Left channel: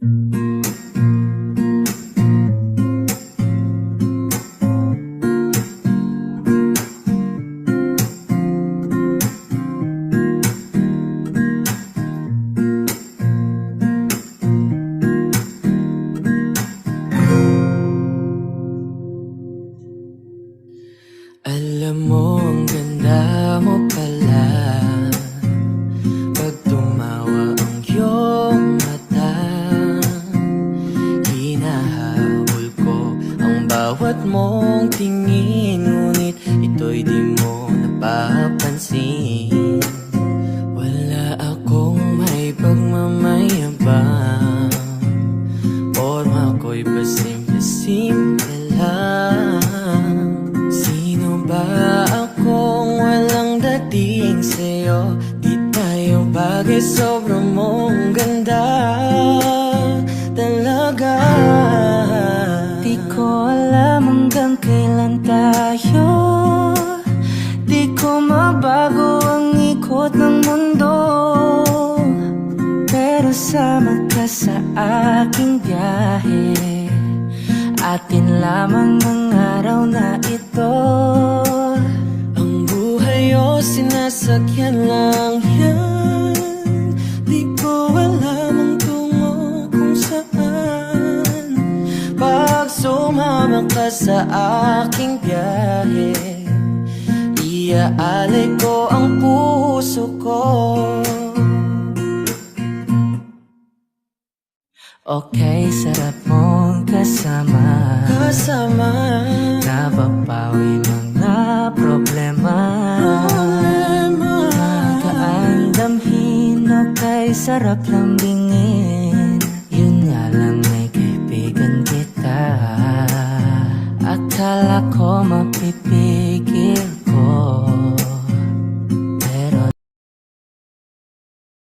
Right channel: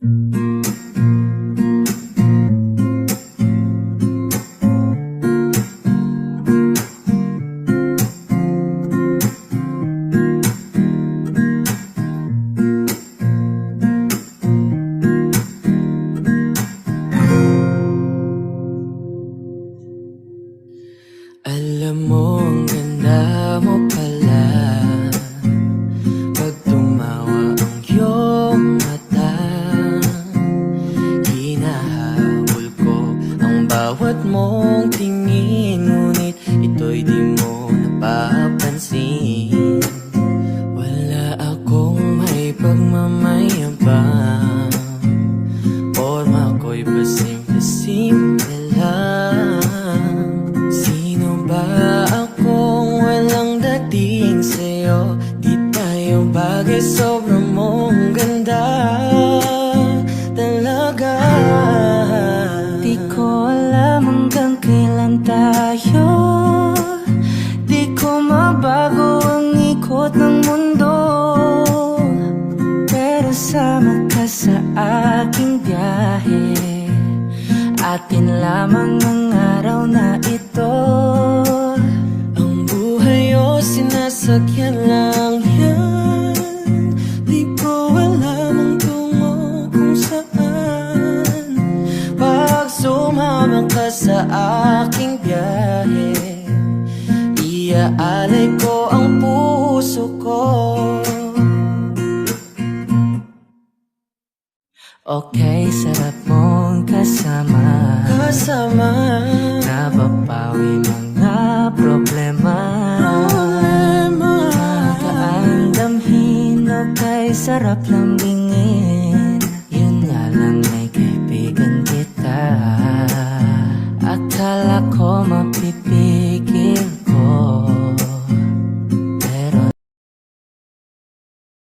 Alam mo, ang ganda mo pala pag tumawa ang iyong mata. Hinahabol ko ang bawat mong tingin, ngunit ito'y di mo napapansin. Wala akong may pagmamayabang, forma ko'y pasimple-simple lang. Sino ba akong walang dating sa'yo? Di tayo bagay, sobrang mong ganda talaga. Di ko alam hanggang kailan tayo, di ko mabago ang ikot ng mundo, pero sama ka sa aking biyahe. Atin lamang ang araw na ito. Ang buhay o sinasakyan lang yan, di ko alam ang tungo kung saan. Pag sumama ka sa aking biyahe, iaalay ko ang puso ko. Okay, sarap mong kasama, napapawi mga problema. Magaan damhin, okay, sarap lambingin. Yun nga lang, may kaibigan kita. Akala ko mapipigil ko,